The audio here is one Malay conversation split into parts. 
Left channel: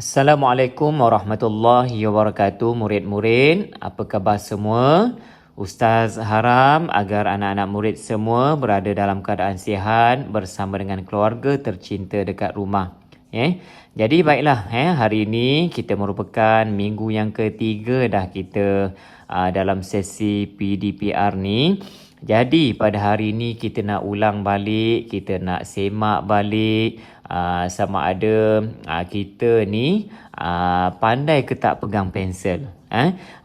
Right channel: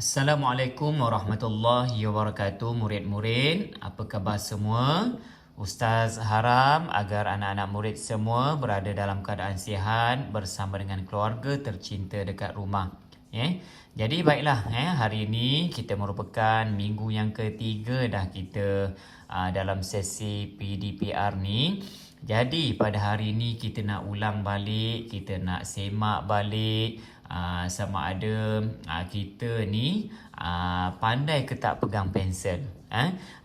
Assalamualaikum warahmatullahi wabarakatuh, murid-murid. Apa khabar semua? Ustaz harap agar anak-anak murid semua berada dalam keadaan sihat bersama dengan keluarga tercinta dekat rumah. Jadi baiklah, hari ini kita merupakan minggu yang ketiga dah kita dalam sesi PDPR ni. Jadi pada hari ini kita nak ulang balik, kita nak semak balik sama ada kita ni pandai ke tak pegang pensel.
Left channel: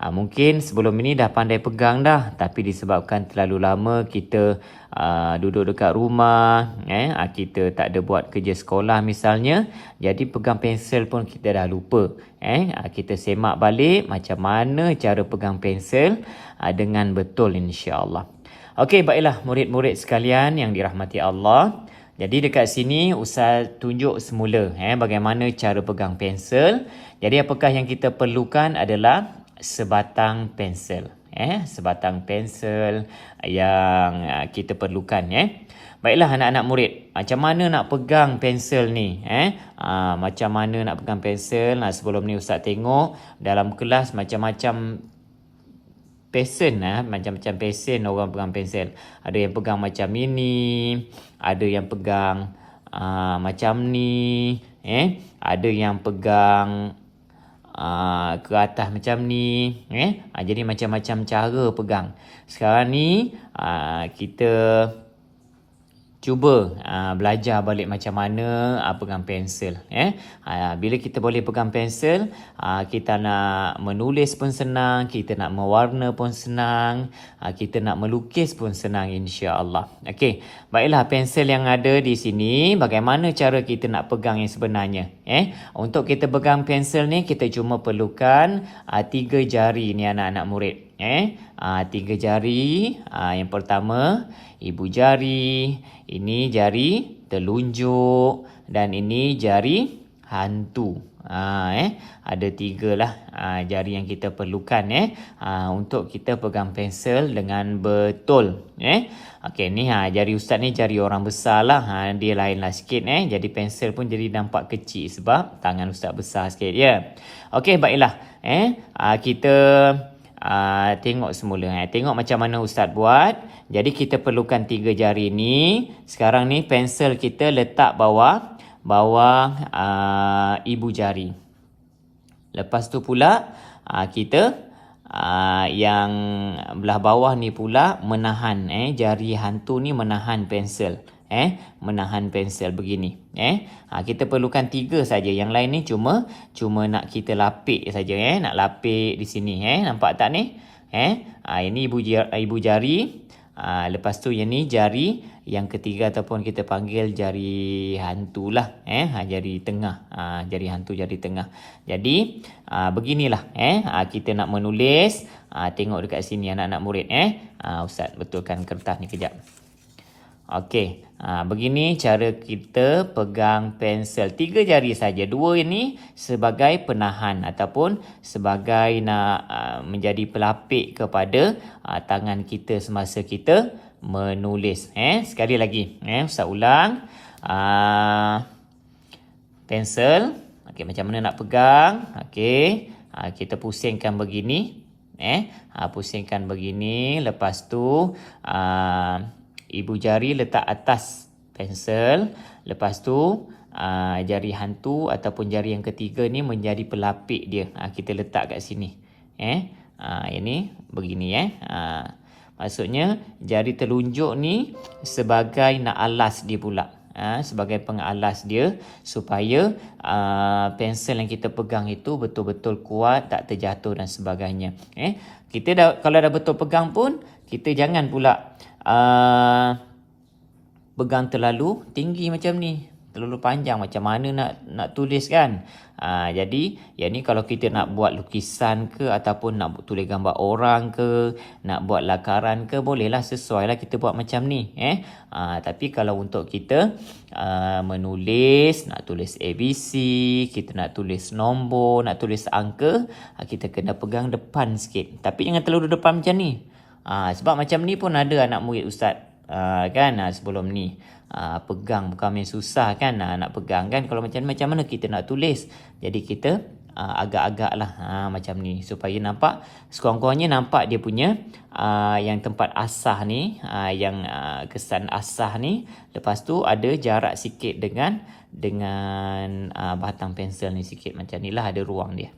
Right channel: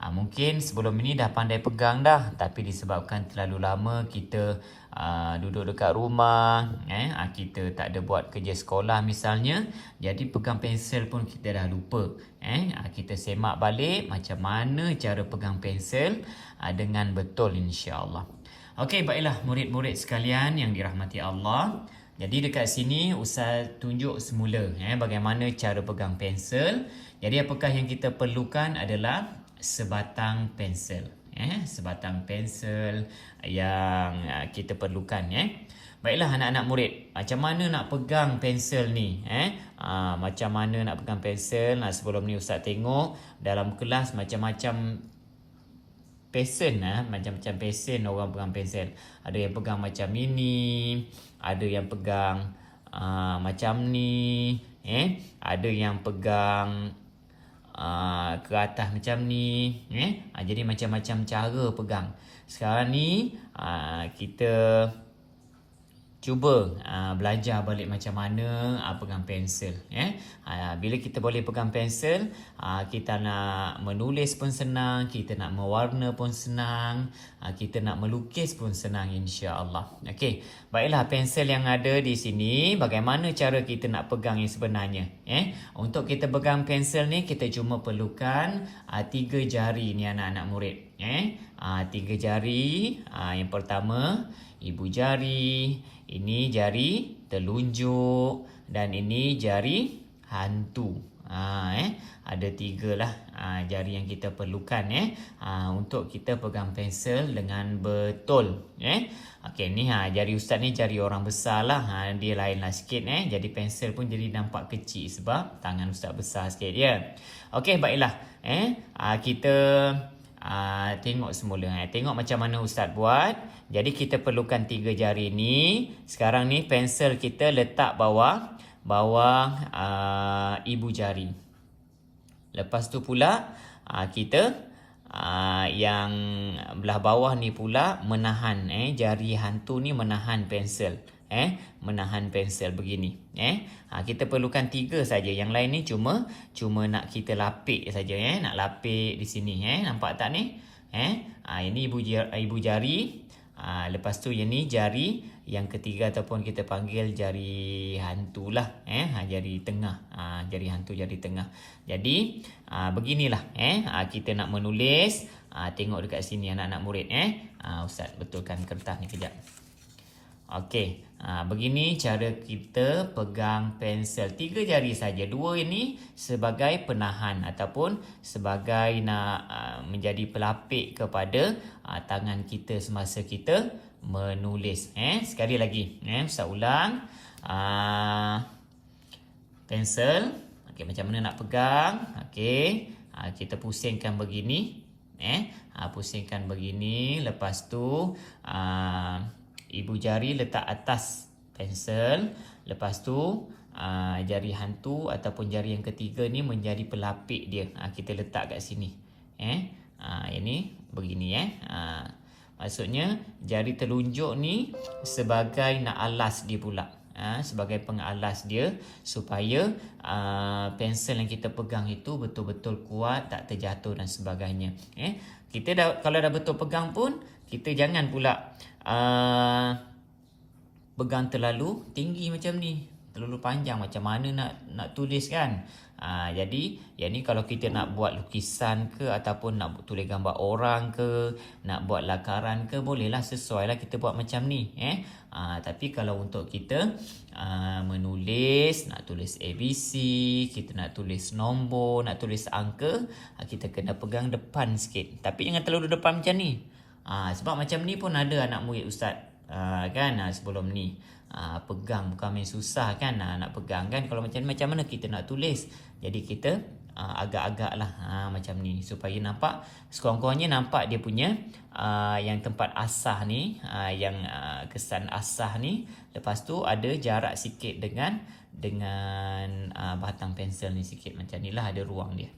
Mungkin sebelum ini dah pandai pegang dah, tapi disebabkan terlalu lama kita duduk dekat rumah, kita tak ada buat kerja sekolah misalnya, jadi pegang pensel pun kita dah lupa. Kita semak balik macam mana cara pegang pensel dengan betul, insya-Allah. Okey, baiklah murid-murid sekalian yang dirahmati Allah. Jadi dekat sini Ustaz tunjuk semula bagaimana cara pegang pensel. Jadi apakah yang kita perlukan adalah sebatang pensel. Sebatang pensel yang kita perlukan. Baiklah anak-anak murid, macam mana nak pegang pensel ni? Macam mana nak pegang pensel? Sebelum ni Ustaz tengok dalam kelas macam-macam pesen, macam-macam pesen orang pegang pensel. Ada yang pegang macam ini, ada yang pegang macam ni, ada yang pegang ke atas macam ni, jadi macam-macam cara pegang. Sekarang ni kita cuba belajar balik macam mana pegang pensel. Bila kita boleh pegang pensel, kita nak menulis pun senang, kita nak mewarna pun senang, kita nak melukis pun senang, insya-Allah. Okey, baiklah pensel yang ada di sini, bagaimana cara kita nak pegang yang sebenarnya? Untuk kita pegang pensel ni kita cuma perlukan 3 jari ni anak-anak murid. 3 jari. Yang pertama ibu jari, ini jari telunjuk, dan ini jari hantu. Ada 3 lah jari yang kita perlukan untuk kita pegang pensel dengan betul. Okey, ni jari Ustaz ni jari orang besar lah, dia lain lah sikit. Jadi pensel pun jadi nampak kecil sebab tangan Ustaz besar sikit ya. Okey, baiklah. Kita tengok semula. Tengok macam mana Ustaz buat. Jadi kita perlukan 3 jari ni. Sekarang ni pensel kita letak bawah ibu jari. Lepas tu pula kita yang belah bawah ni pula menahan, jari hantu ni menahan pensel. Menahan pensel begini. Kita perlukan 3 saja. Yang lain ni cuma nak kita lapik saja. Nak lapik di sini. Nampak tak ni? Ini ibu jari. Lepas tu yang ni jari yang ketiga ataupun kita panggil jari hantu lah. Jari tengah. Jari hantu, jari tengah. Jadi beginilah. Kita nak menulis. Tengok dekat sini anak-anak murid. Ustaz betulkan kertas ni kejap. Okey, begini cara kita pegang pensel. 3 jari saja. 2 ini sebagai penahan ataupun sebagai nak menjadi pelapik kepada tangan kita semasa kita menulis. Sekali lagi, Ustaz ulang. Pensel. Okey, macam mana nak pegang? Okey, kita pusingkan begini. Pusingkan begini. Lepas tu ibu jari letak atas pensel. Lepas tu jari hantu ataupun jari yang ketiga ni menjadi pelapik dia. Kita letak kat sini. Ini begini. Maksudnya jari telunjuk ni sebagai nak alas dia pula. Sebagai pengalas dia supaya pensel yang kita pegang itu betul-betul kuat, tak terjatuh dan sebagainya. Kita kalau dah betul pegang pun, kita jangan pula pegang terlalu tinggi macam ni, terlalu panjang, macam mana nak tulis kan. Jadi yang ni kalau kita nak buat lukisan ke ataupun nak tulis gambar orang ke, nak buat lakaran ke, bolehlah, sesuai lah kita buat macam ni. Tapi kalau untuk kita menulis, nak tulis ABC, kita nak tulis nombor, nak tulis angka, kita kena pegang depan sikit. Tapi jangan terlalu depan macam ni. Sebab macam ni pun ada anak murid Ustaz kan sebelum ni. pegang bukan main susah kan, nak pegang kan. Kalau macam mana kita nak tulis. Jadi kita agak-agak lah macam ni supaya nampak, sekurang-kurangnya nampak dia punya yang tempat asah ni, yang kesan asah ni. Lepas tu ada jarak sikit dengan batang pensel ni sikit macam ni lah, ada ruang dia.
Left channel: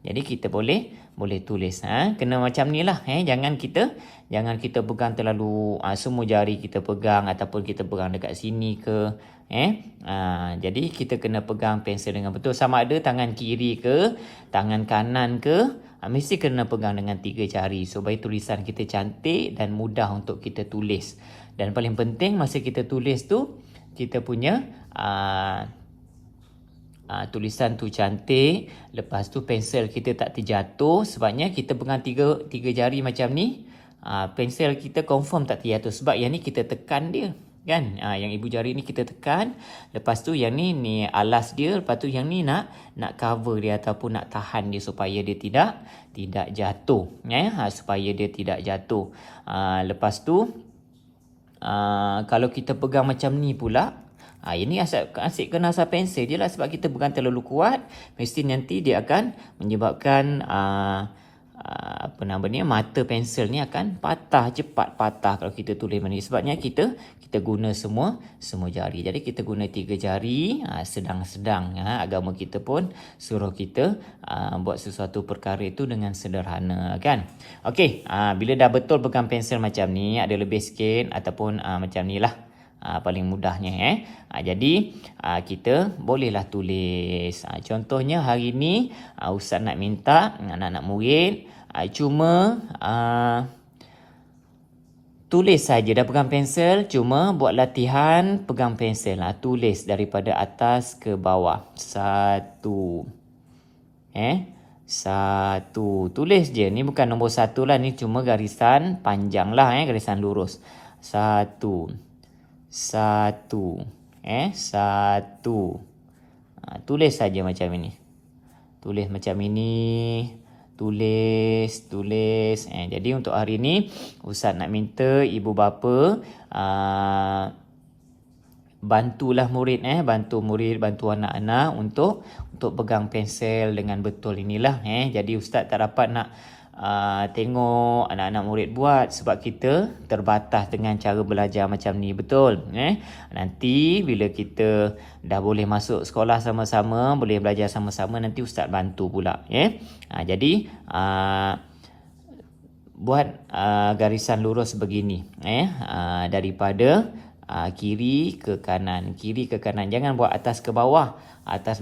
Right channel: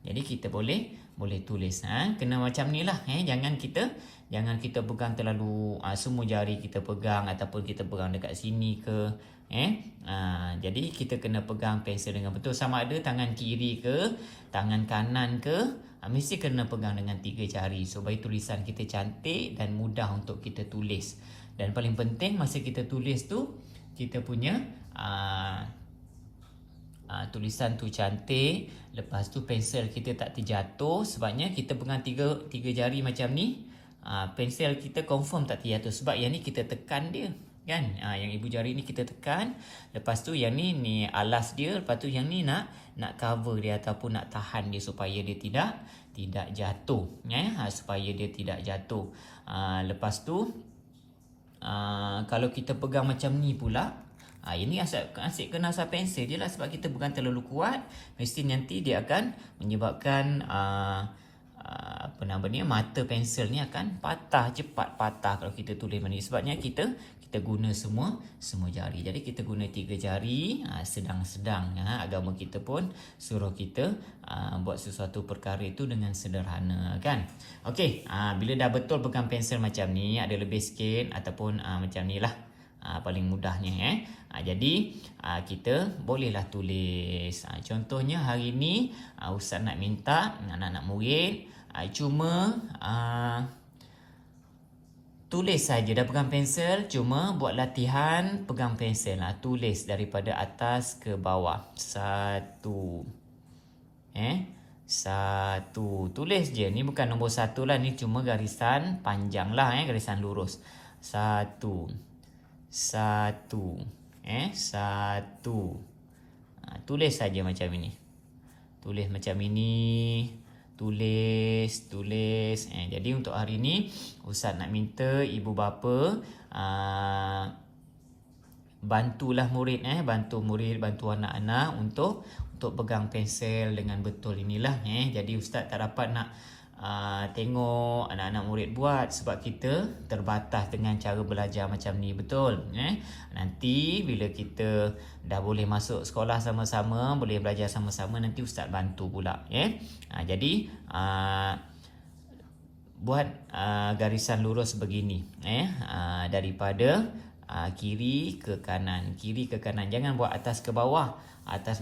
Jadi kita boleh tulis. Kena macam ni lah. Jangan kita pegang terlalu semua jari kita pegang ataupun kita pegang dekat sini ke. Jadi kita kena pegang pensel dengan betul, sama ada tangan kiri ke tangan kanan ke, mesti kena pegang dengan 3 jari supaya tulisan kita cantik dan mudah untuk kita tulis. Dan paling penting masa kita tulis tu, kita punya tulisan tu cantik, lepas tu pensel kita tak terjatuh. Sebabnya kita pegang 3 jari macam ni, pensel kita confirm tak terjatuh, sebab yang ni kita tekan dia kan. Yang ibu jari ni kita tekan, lepas tu yang ni alas dia, lepas tu yang ni nak cover dia ataupun nak tahan dia supaya dia tidak jatuh, supaya dia tidak jatuh. Lepas tu kalau kita pegang macam ni pula, ini asyik kena asal pensel je lah, sebab kita pegang terlalu kuat, mesti nanti dia akan menyebabkan mata pensel ni akan cepat patah kalau kita tulis macam ni. Sebabnya kita guna semua jari. Jadi kita guna 3 jari, sedang-sedang. Agama kita pun suruh kita buat sesuatu perkara itu dengan sederhana kan. Okey, bila dah betul pegang pensel macam ni, ada lebih sikit ataupun macam ni lah, paling mudahnya. Jadi kita bolehlah tulis. Contohnya hari ni Ustaz nak minta anak-anak murid cuma tulis saja, dah pegang pensel, cuma buat latihan pegang pensel. Tulis daripada atas ke bawah. 1. 1. Tulis je. Ni bukan nombor 1 lah, ni cuma garisan panjang lah, garisan lurus. 1. 1. 1. Tulis saja macam ini. Tulis macam ini. Tulis. Jadi untuk hari ni Ustaz nak minta ibu bapa bantulah murid, bantu anak-anak untuk pegang pensel dengan betul inilah. Jadi Ustaz tak dapat nak tengok anak-anak murid buat, sebab kita terbatas dengan cara belajar macam ni, betul. Nanti bila kita dah boleh masuk sekolah sama-sama, boleh belajar sama-sama, nanti Ustaz bantu pula. Jadi buat garisan lurus begini, daripada kiri ke kanan, jangan buat atas ke bawah. Atas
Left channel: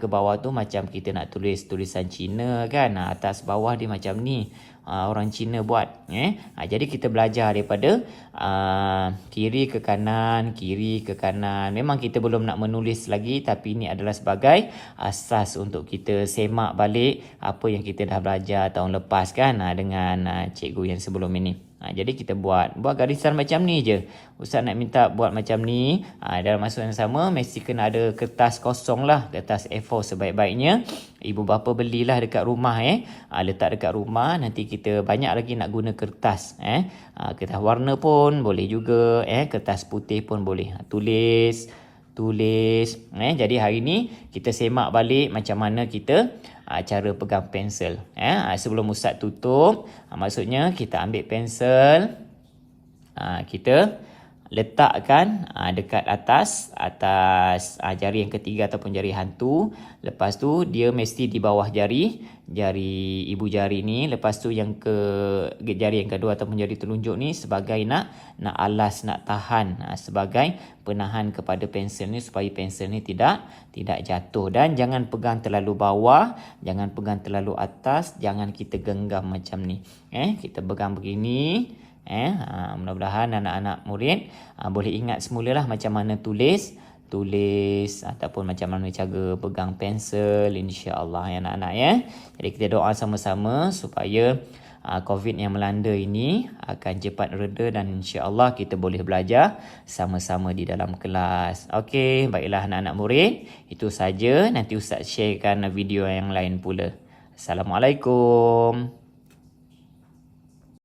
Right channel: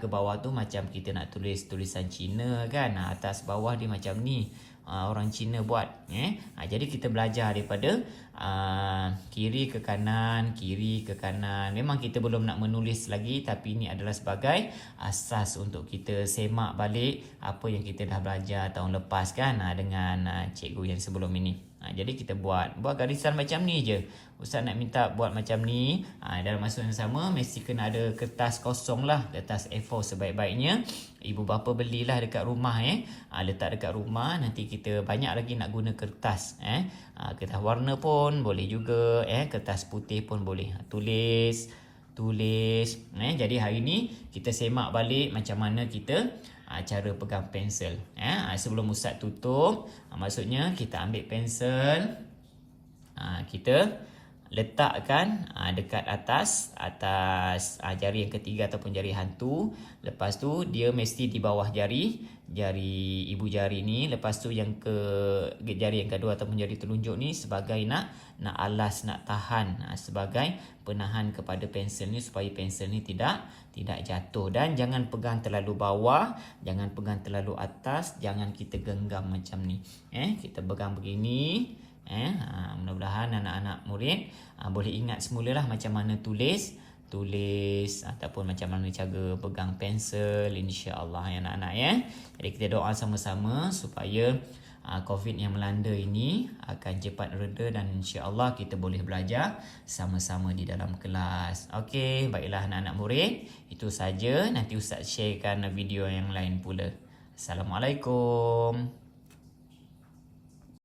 ke bawah tu macam kita nak tulis tulisan Cina kan, atas bawah dia macam ni, orang Cina buat. Jadi kita belajar daripada kiri ke kanan. Memang kita belum nak menulis lagi, tapi ini adalah sebagai asas untuk kita semak balik apa yang kita dah belajar tahun lepas kan, dengan cikgu yang sebelum ini. Jadi kita buat garisan macam ni je. Ustaz nak minta buat macam ni. Dalam masa yang sama mesti kena ada kertas kosong lah, kertas A4 sebaik-baiknya. Ibu bapa belilah dekat rumah, letak dekat rumah. Nanti kita banyak lagi nak guna kertas, kertas warna pun boleh juga, kertas putih pun boleh. Tulis. Jadi hari ni kita semak balik macam mana kita cara pegang pensel. Sebelum Ustaz tutup, maksudnya kita ambil pensel, kita letakkan dekat atas jari yang ketiga ataupun jari hantu. Lepas tu dia mesti di bawah jari ibu jari ni. Lepas tu yang jari yang kedua ataupun jari telunjuk ni sebagai nak alas, nak tahan, sebagai penahan kepada pensel ni supaya pensel ni tidak jatuh. Dan jangan pegang terlalu bawah, jangan pegang terlalu atas, jangan kita genggam macam ni. Kita pegang begini. Mudah-mudahan anak-anak murid boleh ingat semulalah macam mana tulis ataupun macam mana cara pegang pensel, insya-Allah ya anak-anak ya. Jadi kita doa sama-sama supaya COVID yang melanda ini akan cepat reda dan insya-Allah kita boleh belajar sama-sama di dalam kelas. Okey, baiklah anak-anak murid, itu saja. Nanti Ustaz sharekan video yang lain pula. Assalamualaikum.